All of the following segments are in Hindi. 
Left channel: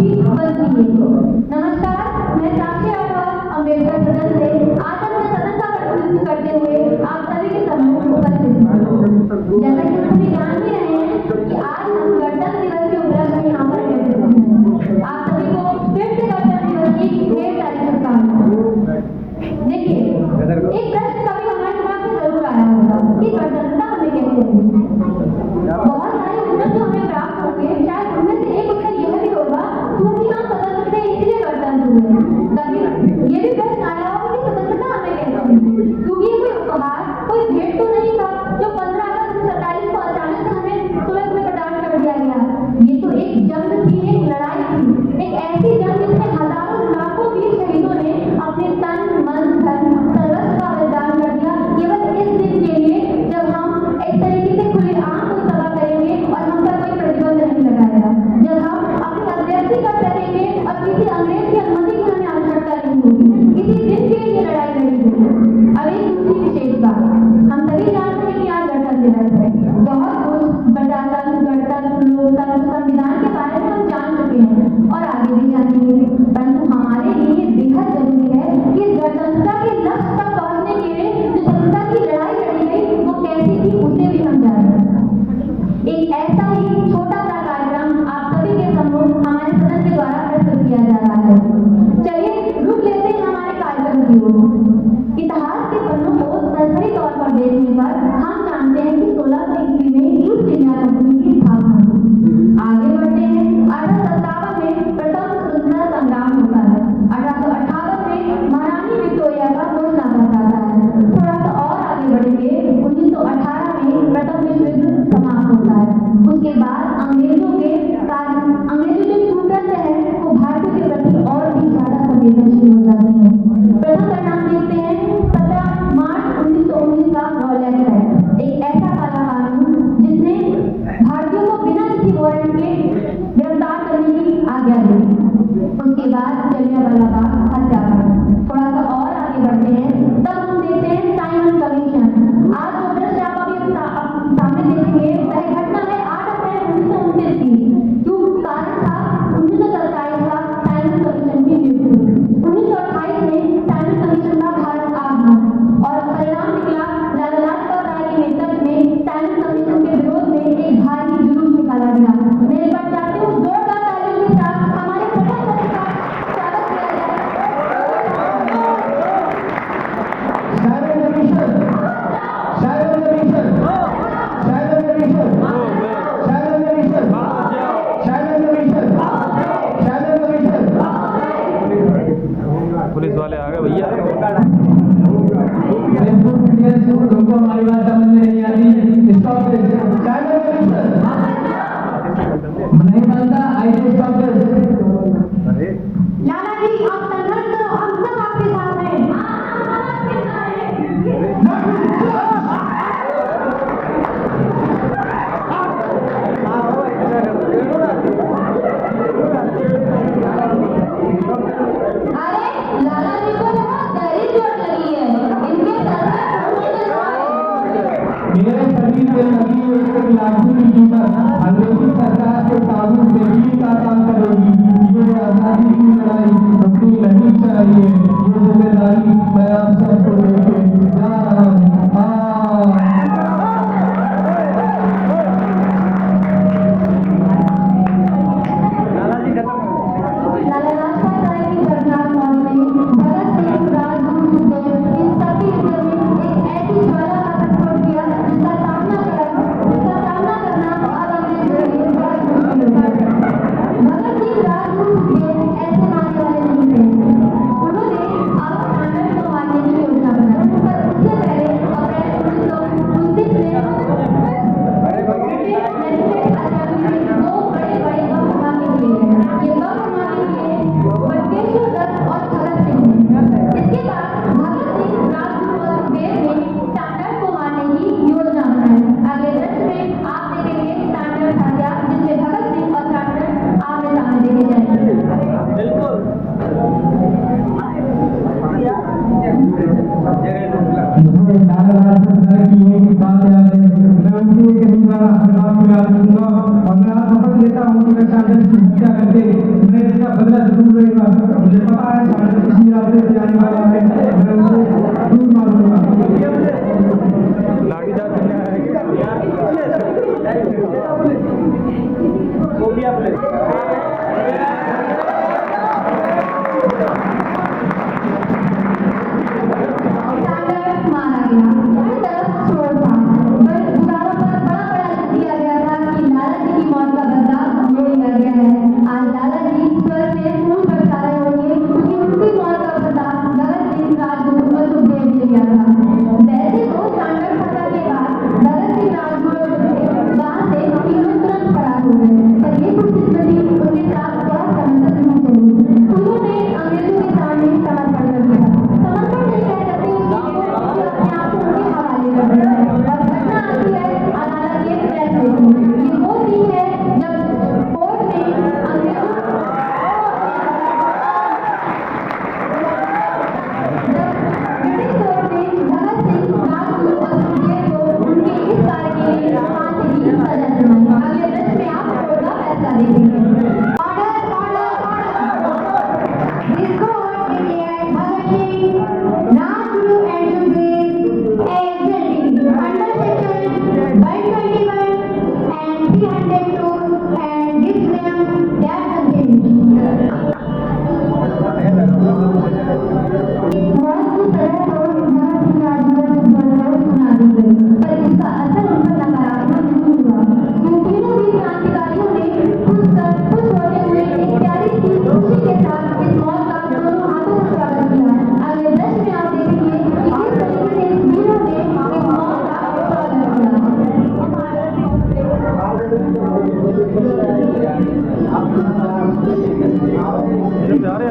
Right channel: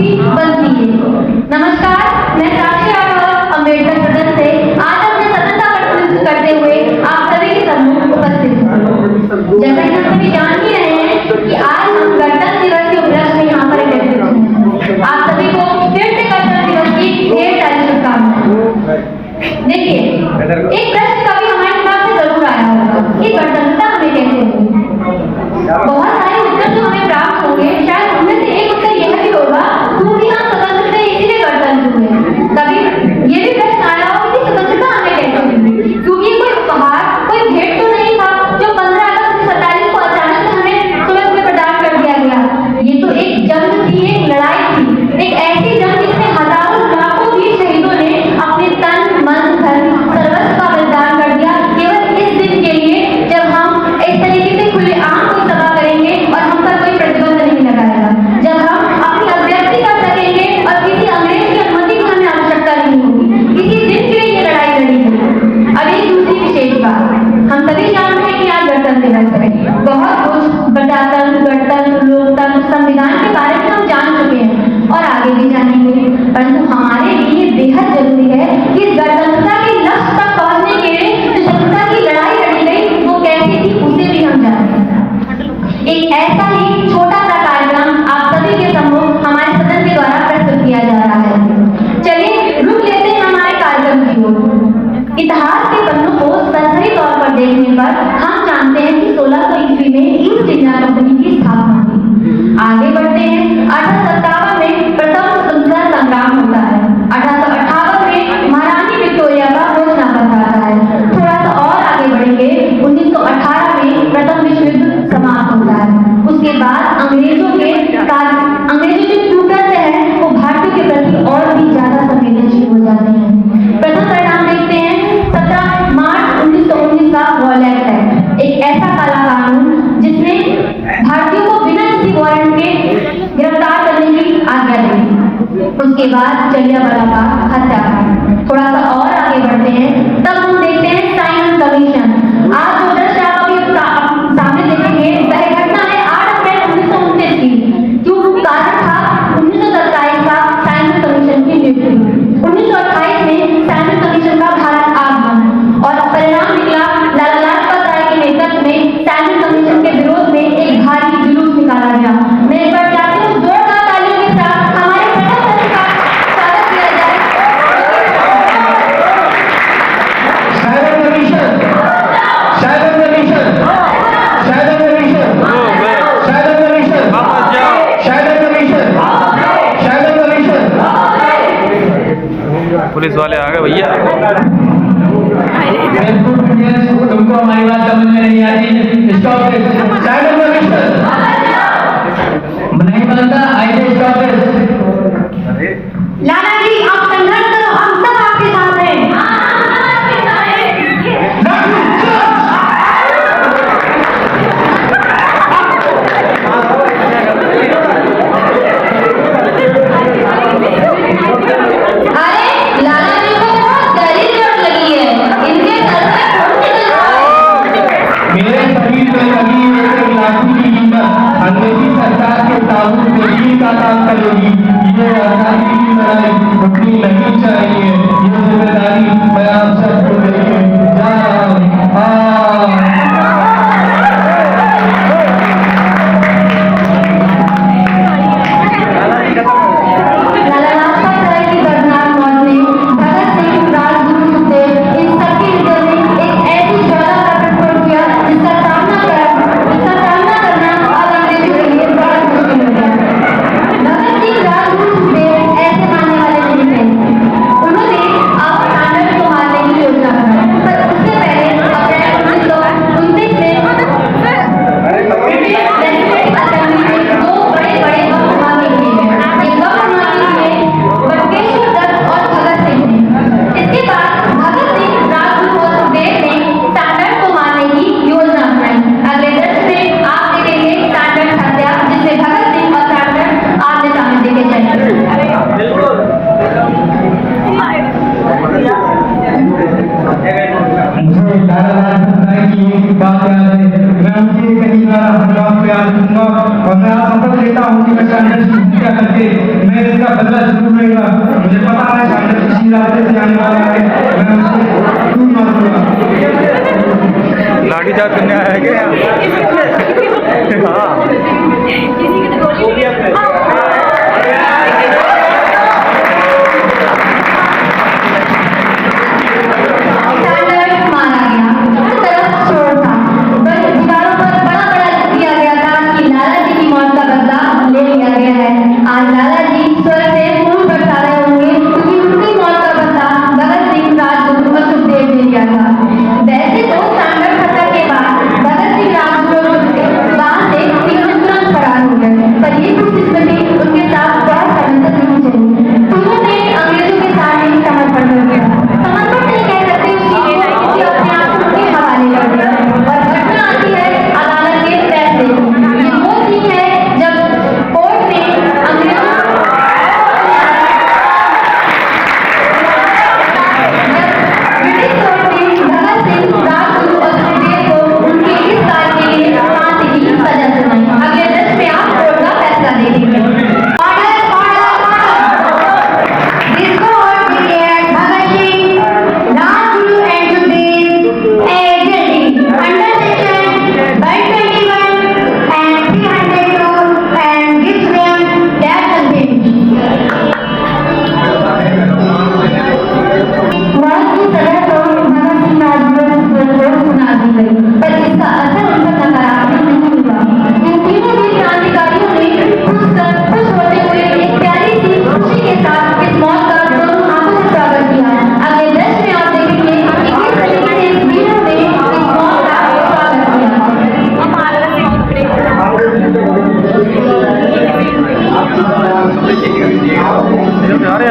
भी बनती है। नमस्कार, मैं साक्षी राठौर अम्बेडकर सदन से आज अपने सदन का प्रतिनिधित्व करते हुए आप सभी के सम्मुख उपस्थित हूँ। जैसा कि हम सभी जान ही रहे हैं कि आज हम गणतंत्र दिवस के उपलक्ष्य में यहाँ पर एकत्रित हैं। आप सभी को फिर से गणतंत्र दिवस की ढेर सारी शुभकामनाएं। देखिए, एक प्रश्न कभी हमारे दिमाग में जरूर आया होगा कि गणतंत्रता हमें कैसे मिली। बहुत सारे उत्तर जो हमें प्राप्त होंगे, शायद उनमें से एक उत्तर यह भी होगा क्योंकि हम स्वतंत्र थे इसीलिए गणतंत्र हुए। कभी ये भी प्रश्न आया होगा कि स्वतंत्रता हमें कैसे मिली, क्योंकि कोई उपहार, कोई भेंट तो नहीं था जो 15 अगस्त 1947 को अचानक से हमें तुरंत में प्रदान कर दिया गया। ये तो एक जंग थी, एक लड़ाई थी, एक ऐसी जंग जिसमें हजारों लाखों वीर शहीदों ने अपने तन मन धन सर्वस्व का बलिदान कर दिया केवल इस दिन के लिए जब हम एक तरीके से खुलेआम कोई सभा करेंगे और हम पर कोई प्रतिबंध नहीं लगाएगा, जब हम अपनी अभिव्यक्ति कर सकेंगे और किसी अंग्रेज की अनुमति की हमें आवश्यकता नहीं होगी। इसी दिन के लिए ये लड़ाई लड़ी है। अब एक दूसरी विशेष बात, हम सभी जानते हैं कि आज गणतंत्र दिवस है। बहुत कुछ प्रजातंत्र, गणतंत्र, लोकतंत्र, संविधान के बारे में हम जान चुके हैं और आगे भी जानेंगे, परंतु हमारे लिए बेहद जरूरी है कि इस गणतंत्रता के लक्ष्य तक पहुंचने के लिए जो स्वतंत्रता की लड़ाई लड़ी गई वो कैसी थी उसे भी हम जानें। एक ऐसा ही छोटा सा कार्यक्रम आप सभी के सम्मुख हमारे सदन के द्वारा प्रस्तुत किया जा रहा है। चलिए रुक लेते हैं हमारे कार्यक्रम की ओर। इतिहास के पन्नों को सही तौर पर देखने पर हम जानते हैं कि 1600 ईस्वी में ईस्ट इंडिया कंपनी की स्थापना हुई। आगे बढ़ते हैं, 1857 में प्रथम स्वतंत्रता संग्राम होता है। 1858 में महारानी विक्टोरिया का घोषणा पत्र आता है। थोड़ा सा और आगे बढ़ेंगे, 1918 में प्रथम विश्व युद्ध समाप्त होता है। उसके बाद अंग्रेजों जो ट्यूटर्स हैं वो भारतीयों के प्रति और भी ज्यादा संवेदनशील हो जाते हैं। प्रथम परिणाम देखते हैं 17 मार्च 1919 का वॉलेट एक्ट, एक ऐसा काला कानून जिसने भारतीयों को बिना किसी वारंट के गिरफ्तार करने की आज्ञा दी। उसके बाद जलियांवाला बाग हत्याकांड। थोड़ा सा और आगे बढ़ते हैं, तब हम देखते हैं साइमन कमीशन। आज जो दृश्य आप अभी सामने देखेंगे वह घटना है 8 अप्रैल 1929 की। जो कारण था 1927 का साइमन कमीशन की नियुक्ति। 1928 में साइमन कमीशन का भारत आगमन और परिणाम निकला लाला लाजपत राय के नेतृत्व में साइमन कमीशन के विरोध में एक भारी जुलूस निकाला गया। मैं एक बार चाहती हूँ जोरदार तालियों के साथ हमारे प्रथम का स्वागत किया जाए। Simon commission, Simon commission, Simon commission, Simon commission, Simon commission, Simon commission. Police वाले आ गए भैया। तुमको हमारी बात समझ में नहीं आती, स्टॉप इट। साइमन कमीशन नहीं बनता, ऐसे स्टॉप इट। लाला जी आप संघर्ष करो, हम सब आपके साथ हैं। अरे लाला जी को बहुत गहरी चोट लगी है, इनके सर में खून निकल रहा है। मेरे शरीर पे लगी एक लाठी की कीमत अंग्रेजी सरकार के ताबूत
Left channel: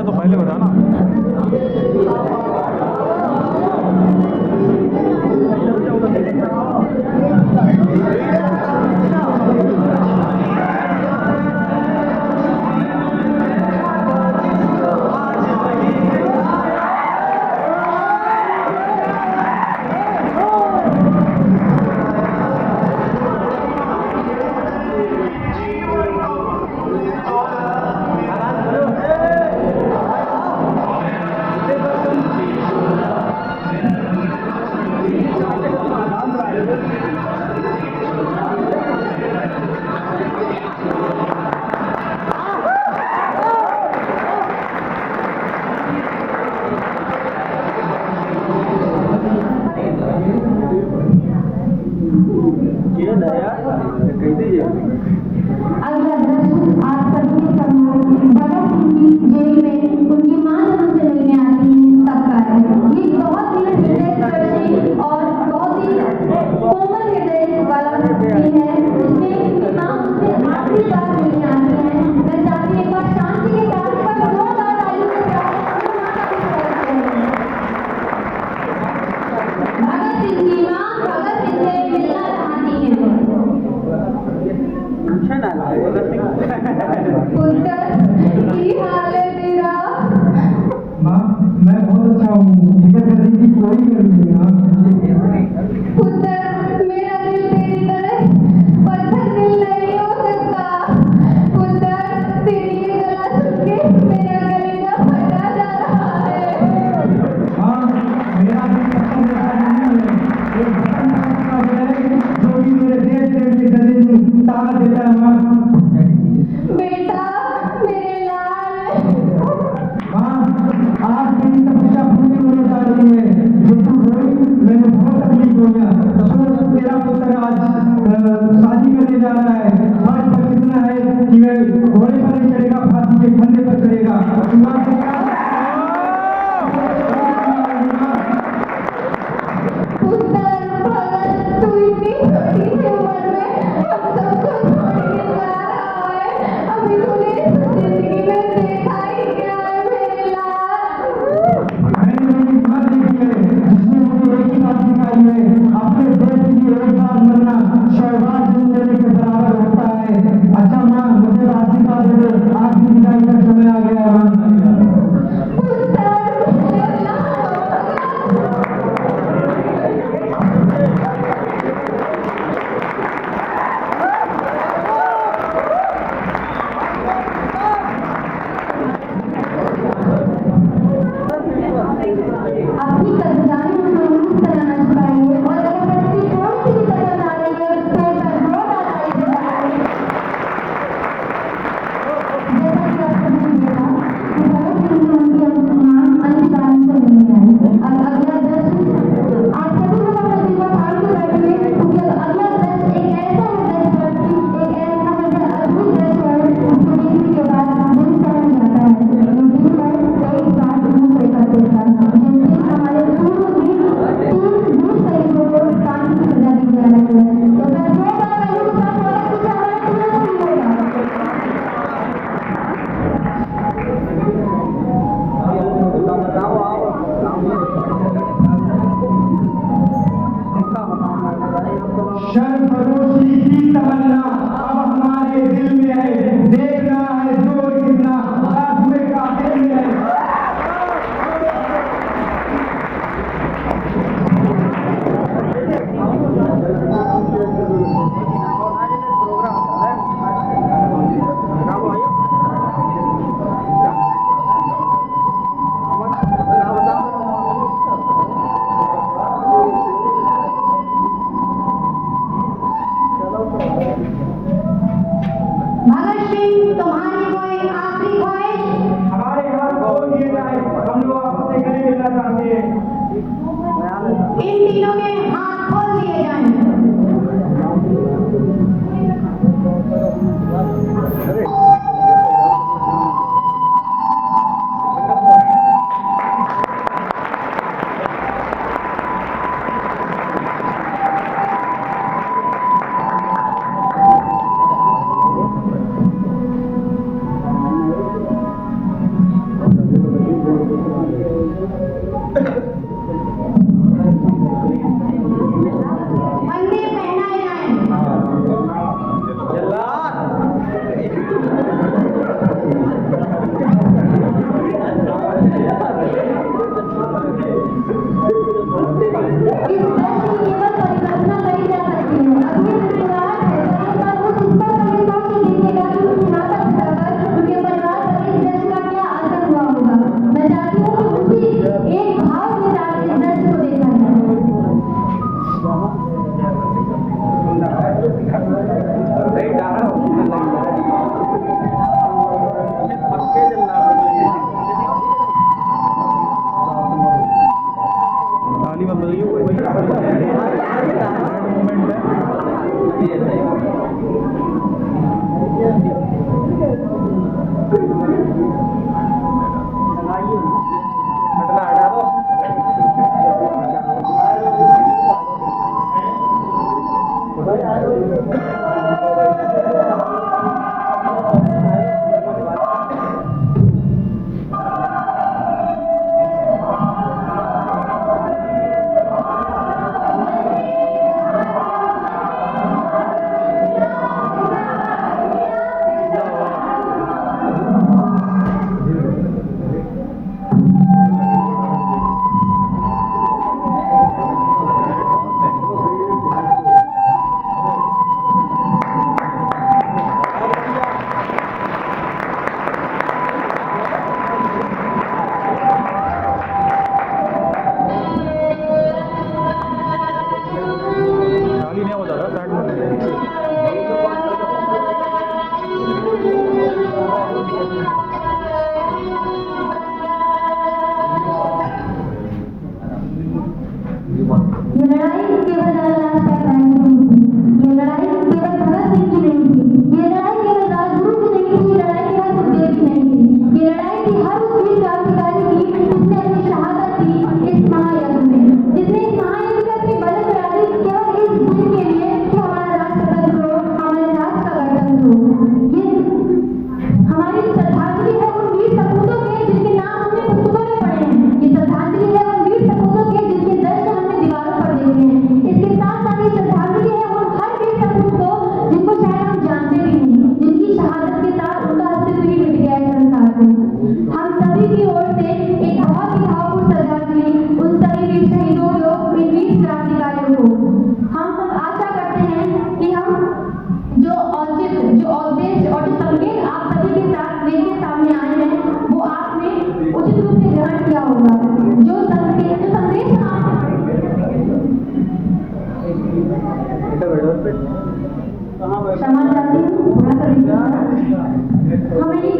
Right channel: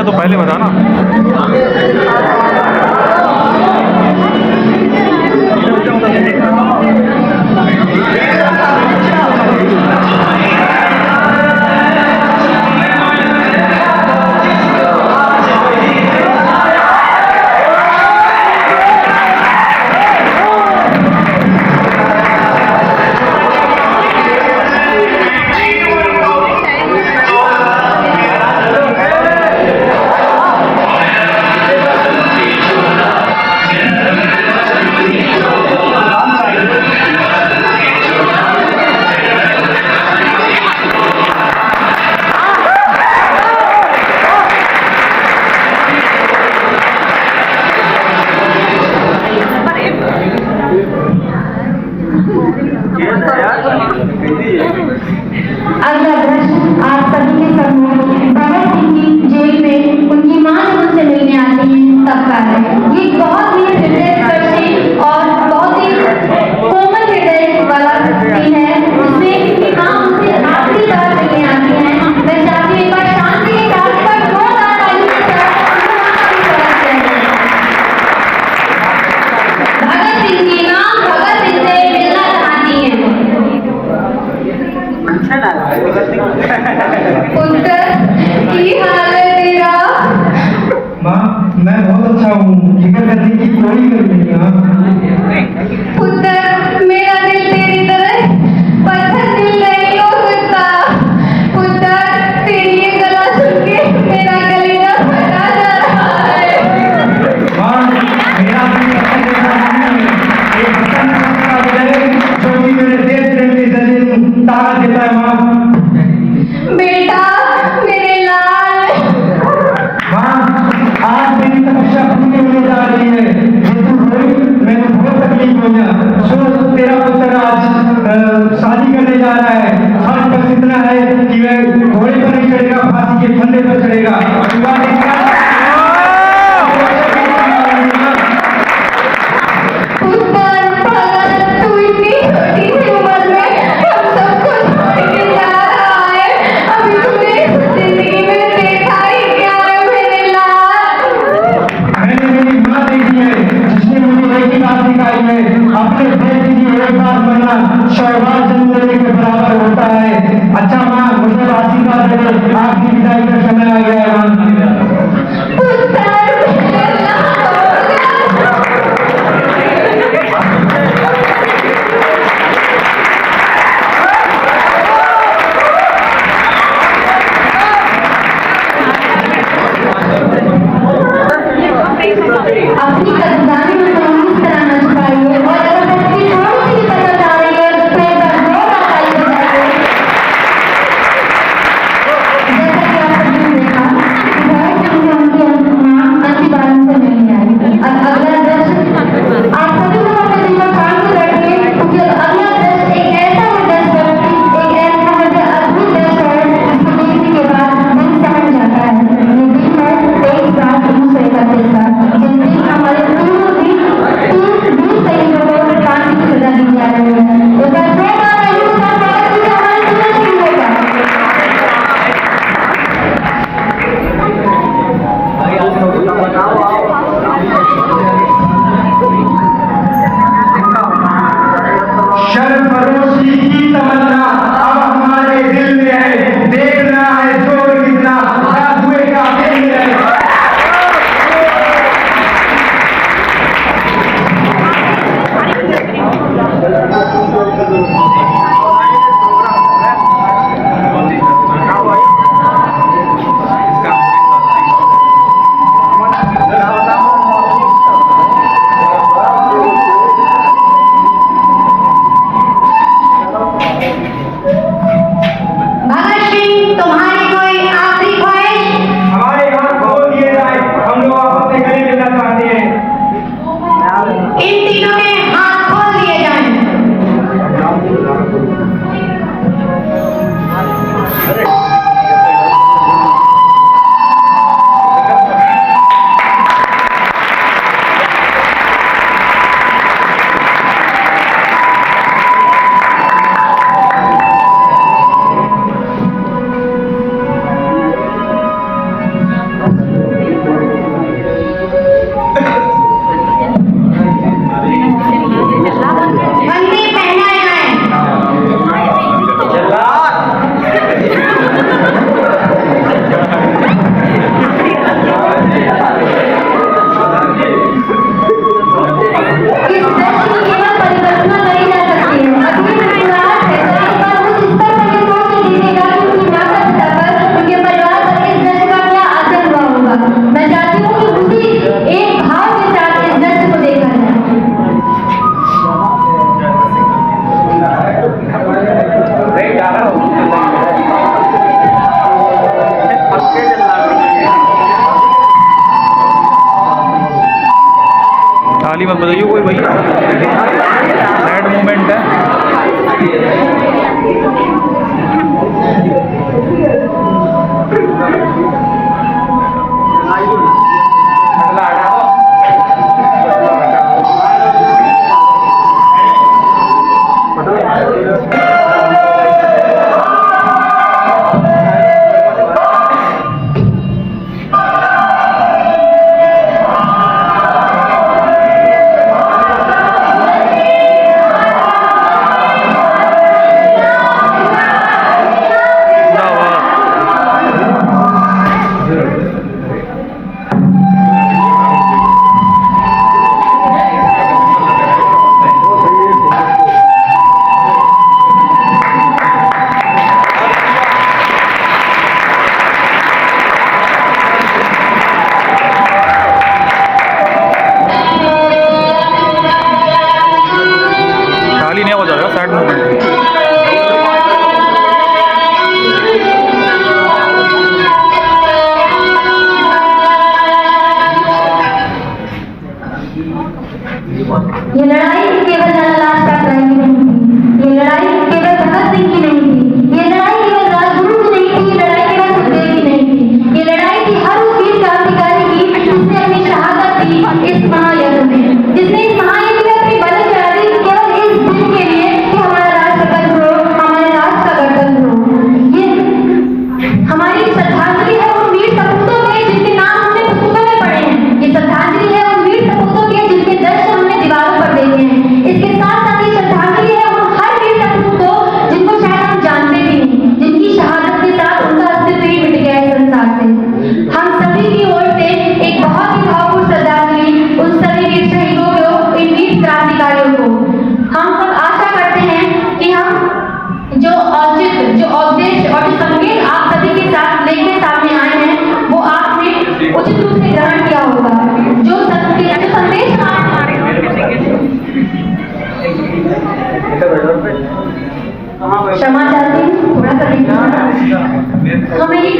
तो पहले बता ना।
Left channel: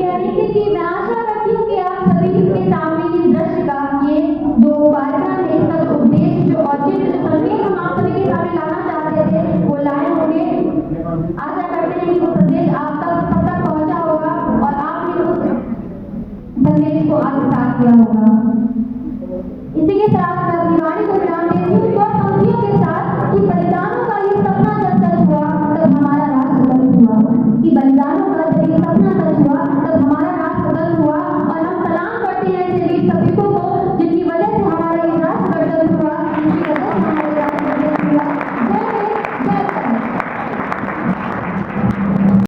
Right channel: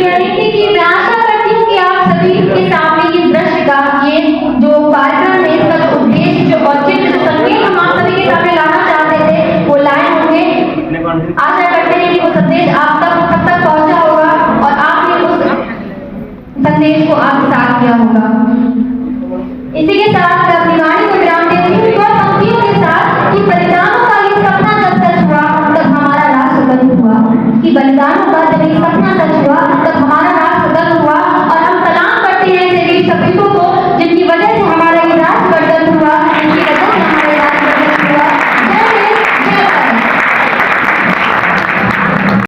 रणनीति की मैं आशा करती हूँ कि आप सभी के सामने इस दृश्य का ये जो कार्यक्रम है इसका जो उद्देश्य जो औचित्य जो संदेश हम आप सभी के सामने लाना चाहते थे वो लाए होंगे। आशा करते हैं कि वो संदेश आप तक पहुंचा होगा और आपने उस संदेश को आत्मसात किया होगा। इसी के साथ मैं अपनी वाणी को विराम देती हूँ और पंक्तियों के साथ कि बलिदानों का ये सपना जब सच हुआ तब हमारा राज सुगंध हुआ, कि बलिदानों का जब ये सपना सच हुआ तब हमारा राज सुगंध हुआ। और हम सलाम करते हैं ऐसे वीर सपूतों को जिनकी वजह से हमारा